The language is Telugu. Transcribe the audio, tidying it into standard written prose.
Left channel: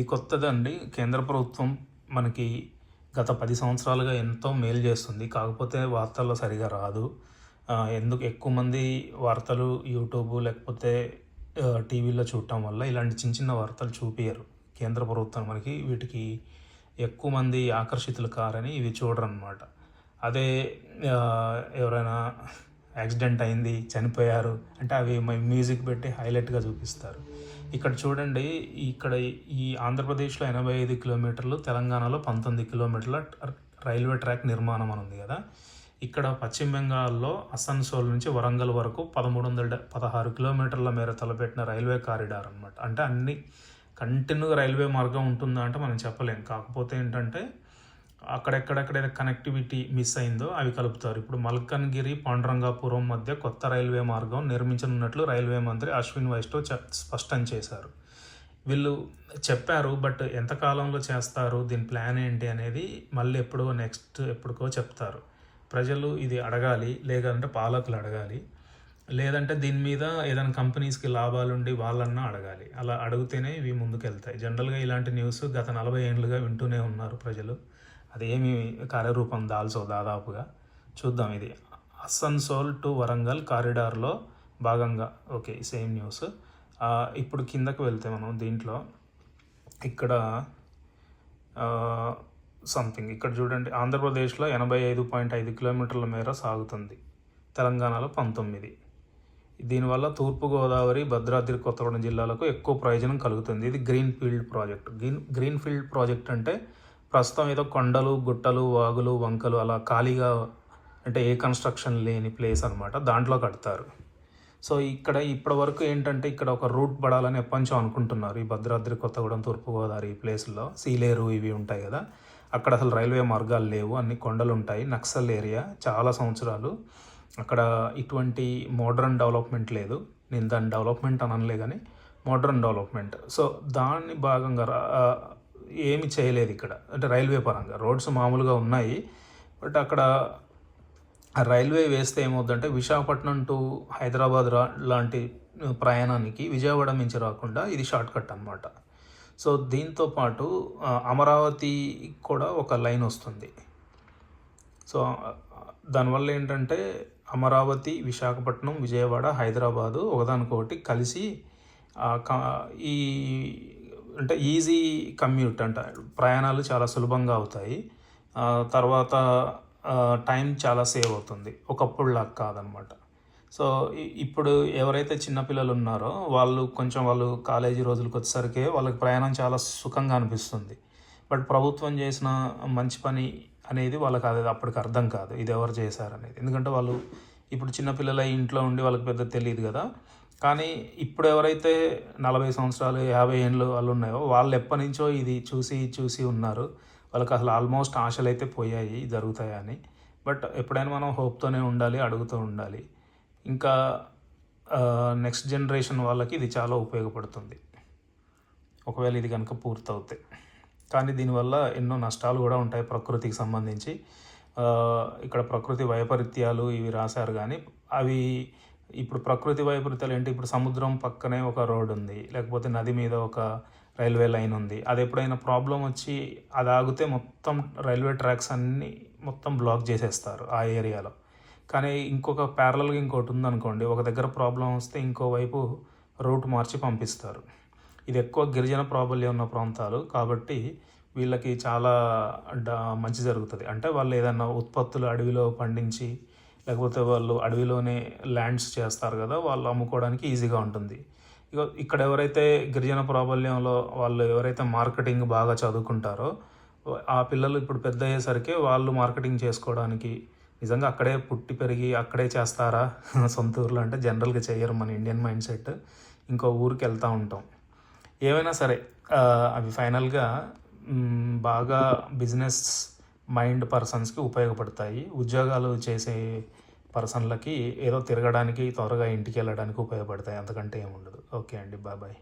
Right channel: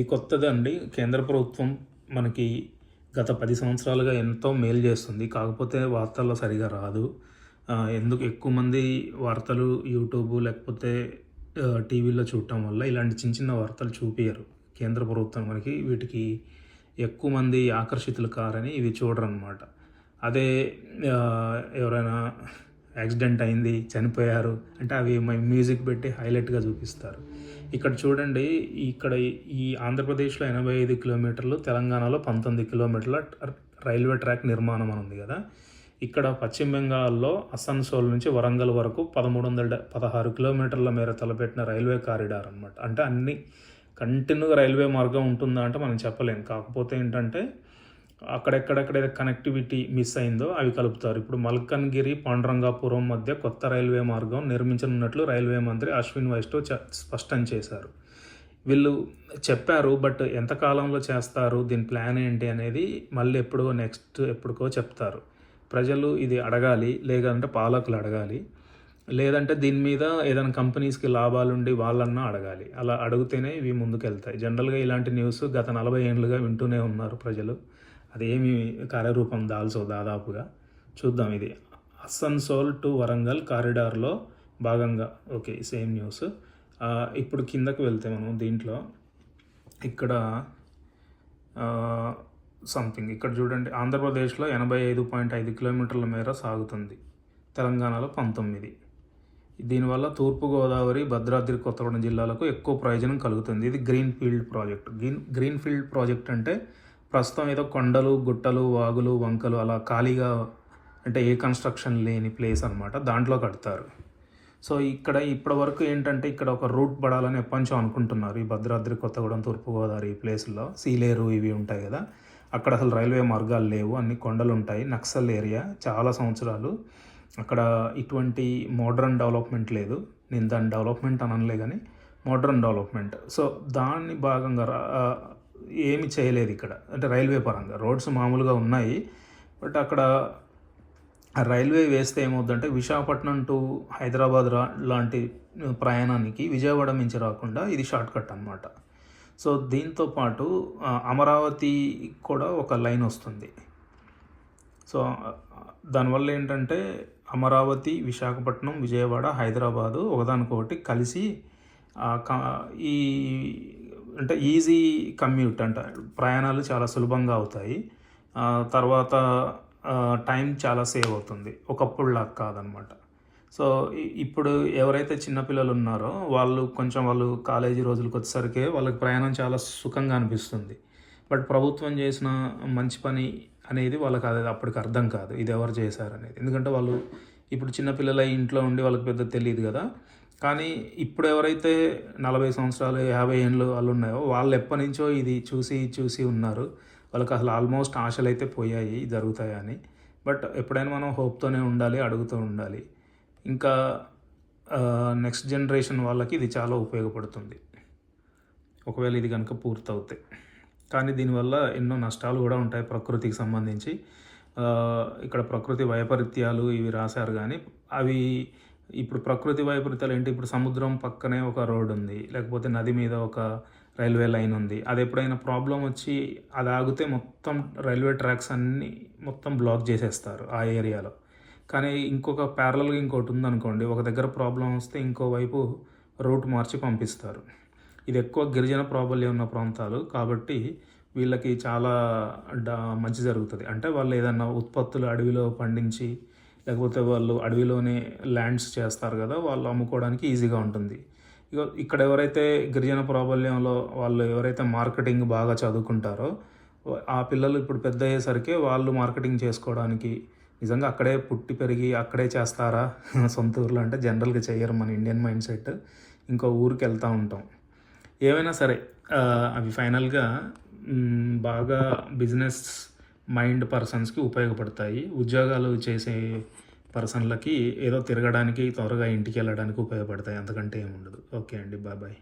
ఇది కొత్తదండి. కేంద్ర ప్రభుత్వం మనకి గత 10 సంవత్సరాలుగా ఎంతో మేలు చేస్తుంది. కాకపోతే వార్తల్లో సరిగా రాదు. ఎందుకు ఎక్కువ మంది వార్తలు యూట్యూబ్ లేకపోతే టీవీలో చూడటం వల్ల ఇలాంటి చిన్న చిన్న వార్తలు చూపియరు. కేంద్ర ప్రభుత్వం మనకి వీటికి ఎక్కువ మంది ఆకర్షితులు కారని ఇవి చూడరనమాట. అదే ఎవరైనా యాక్సిడెంట్ అయింది, చనిపోయారు అంటే అవి మ్యూజిక్ పెట్టి హైలైట్గా చూపిస్తారు. ఇక్కడ చూడండి, ఇక్కడ ఈ ఆంధ్రప్రదేశ్లో 85 కిలోమీటర్లు, తెలంగాణలో 19 కిలోమీటర్ల రైల్వే ట్రాక్ నిర్మాణం అని ఉంది కదా. ఇక్కడ పశ్చిమ బెంగాల్లో అసన్సోల్ నుంచి వరంగల్ వరకు 1316 కిలోమీటర్ల మేర తలపెట్టిన రైల్వే కారిడార్ అనమాట. అంటే అన్ని కంటిన్యూగా రైల్వే మార్గం ఉంటుందా అంటే మనం చెప్పలేం. కాకపోతే ఏంటంటే అక్కడెక్కడెక్కడైతే కనెక్టివిటీ మిస్ అయిందో అవి కలుపుతారు. ఇప్పుడు మల్కన్గిరి పాండురంగాపురం మధ్య కొత్త రైల్వే మార్గం నిర్మించనున్నట్లు రైల్వే మంత్రి అశ్విన్ వైష్ణవ్ స్పష్టం చేశారు. వీళ్ళు చెప్పారు, బట్ ఎంత కాలంలో చేస్తారు, దీని ప్లాన్ ఏంటి అనేది మళ్ళీ ఎప్పుడుకో చెప్తారు. ప్రజలు ఇది అడగాలి, లేదంటే పాలకులు అడగాలి, లేదంటే దీని మీద ఏదైనా కంపెనీస్కి లాభాలుండి వాళ్ళన్నా అడగాలి. అలా అడిగితేనే ఇవి ముందుకెళ్తాయి. జనరల్గా ఇలాంటి న్యూస్ గత 40 ఏళ్ళుగా వింటూనే ఉన్నారు ప్రజలు. అదేమి కార్యరూపం దాల్చో దాదాపుగా. చూద్దాం. ఇది అసన్సోల్ టు వరంగల్ కారిడార్లో భాగంగా. Okay, same news. ఇప్పుడు కిందకు వెళ్తే మనం దీంట్లో ఇక్కడ సంథింగ్ ఇక్కడ చూడండి, ఆంధ్రప్రదేశ్లో 85.5 కిలోమీటర్ల మేర సాగుతుంది, తెలంగాణలో 19. దీనివల్ల తూర్పుగోదావరి, భద్రాద్రి కొత్తగూడెం జిల్లాలకు ఎక్కువ ప్రయోజనం కలుగుతుంది. ఇది green field project. Green field project అంటే ప్రస్తుతం ఏదో కొండలు, గుట్టలు, వాగులు, వంకలు అలా ఖాళీగా, అంటే ఏ కన్స్ట్రక్షన్ లేని ప్లేస్ అనమాట, దాంట్లో కడతారు. సో ఇక్కడ ఇప్పటి వరకు ఏంటంటే ఇక్కడ ఒక రూట్ పడాలని ఎప్పటించో అనుకుంటున్నారు. ఈ భద్రాద్రి కొత్తగూడెం, తూర్పుగోదావరి ఈ ప్లేస్లో సీలేరు ఇవి ఉంటాయి కదా, అక్కడ అసలు రైల్వే మార్గాలు లేవు, అన్ని కొండలు ఉంటాయి, నక్సల్ ఏరియా. చాలా సంవత్సరాలు అక్కడ ఇటువంటి మోడ్రన్ డెవలప్మెంట్ లేదు. నేను దాని డెవలప్మెంట్ అని అనలే కానీ మోడ్రన్ డెవలప్మెంట్. సో దాన్ని భాగంగా ఏమి చేయలేదు ఇక్కడ, అంటే రైల్వే పరంగా. రోడ్స్ మామూలుగా ఉన్నాయి, బట్ అక్కడ రైల్వే వేస్తే ఏమవుతుందంటే విశాఖపట్నం టు హైదరాబాద్ లాంటి ప్రయాణానికి విజయవాడ నుంచి రాకుండా ఇది షార్ట్ కట్ అనమాట. సో దీంతో పాటు అమరావతి కూడా ఒక లైన్ వస్తుంది. సో దానివల్ల ఏంటంటే అమరావతి, విశాఖపట్నం, విజయవాడ, హైదరాబాదు ఒకదానికొకటి కలిసి ఈ అంటే ఈజీ కమ్యూట్ అంట, ప్రయాణాలు చాలా సులభంగా అవుతాయి. తర్వాత టైం చాలా సేవ్ అవుతుంది, ఒకప్పుడులా కాదనమాట. సో ఇప్పుడు ఎవరైతే చిన్నపిల్లలు ఉన్నారో వాళ్ళు కాలేజీ రోజులకు వచ్చేసరికి వాళ్ళకి ప్రయాణం చాలా సుఖంగా అనిపిస్తుంది. బట్ ప్రభుత్వం చేసిన మంచి పని అనేది వాళ్ళకి అప్పటికి అర్థం కాదు, ఇది ఎవరు చేశారనేది. ఎందుకంటే వాళ్ళు ఇప్పుడు చిన్నపిల్లల ఇంట్లో ఉండి వాళ్ళకి పెద్ద తెలియదు కదా. కానీ ఇప్పుడు ఎవరైతే 40 సంవత్సరాలు 50 ఏళ్ళు వాళ్ళు ఉన్నాయో వాళ్ళు ఎప్పటి నుంచో ఇది చూసి ఉన్నారు. వాళ్ళకి అసలు ఆల్మోస్ట్ ఆశలు అయితే పోయాయి జరుగుతాయని. బట్ ఎప్పుడైనా మనం హోప్తోనే ఉండాలి, అడుగుతూ ఉండాలి. ఇంకా నెక్స్ట్ జనరేషన్ వాళ్ళకి ఇది చాలా ఉపయోగపడుతుంది ఒకవేళ ఇది కనుక పూర్తవుతాయి. కానీ దీనివల్ల ఎన్నో నష్టాలు కూడా ఉంటాయి ప్రకృతికి సంబంధించి. ఇక్కడ ప్రకృతి వైపరీత్యాలు ఇవి రాశారు, కానీ అవి ఇప్పుడు ప్రకృతి వైపరీత్యాలు ఏంటి, ఇప్పుడు సముద్రం పక్కనే ఒక రోడ్ ఉంది, లేకపోతే నది మీద ఒక రైల్వే లైన్ ఉంది. అది ఎప్పుడైనా ప్రాబ్లం వచ్చి అది ఆగితే మొత్తం రైల్వే ట్రాక్స్ అన్నీ మొత్తం బ్లాక్ చేసేస్తారు ఆ ఏరియాలో. కానీ ఇంకొక ప్యారలల్గా ఇంకోటి ఉందనుకోండి, ఒక దగ్గర ప్రాబ్లం వస్తే ఇంకోవైపు రూట్ మార్చి పంపిస్తారు. ఇది ఎక్కువ గిరిజన ప్రాబల్యం ఉన్న ప్రాంతాలు కాబట్టి వీళ్ళకి చాలా మంచి జరుగుతుంది. అంటే వాళ్ళు ఏదన్నా ఉత్పత్తులు అడవిలో పండించి, లేకపోతే వాళ్ళు అడవిలోనే ల్యాండ్స్ చేస్తారు కదా, వాళ్ళు అమ్ముకోవడానికి ఈజీగా ఉంటుంది. ఇక్కడ ఎవరైతే గిరిజన ప్రాబల్యంలో వాళ్ళు ఎవరైతే మార్కెటింగ్ బాగా చదువుకుంటారో ఆ పిల్లలు ఇప్పుడు పెద్ద అయ్యేసరికి వాళ్ళు మార్కెటింగ్ చేసుకోవడానికి నిజంగా అక్కడే పుట్టి పెరిగి అక్కడే చేస్తారా సొంత ఊర్లో అంటే జనరల్గా చేయరు. మన ఇండియన్ మైండ్ సెట్, ఇంకో ఊరికి వెళ్తూ ఉంటాం. ఏమైనా సరే అవి ఫైనల్గా బాగా బిజినెస్ మైండ్ పర్సన్స్కి ఉపయోగపడతాయి. ఉద్యోగాలు చేసే పర్సన్లకి ఏదో తిరగడానికి, త్వరగా ఇంటికి వెళ్ళడానికి ఉపయోగపడతాయి, అంతకంటే ఏముండదు. ఓకే అండి, బాయ్.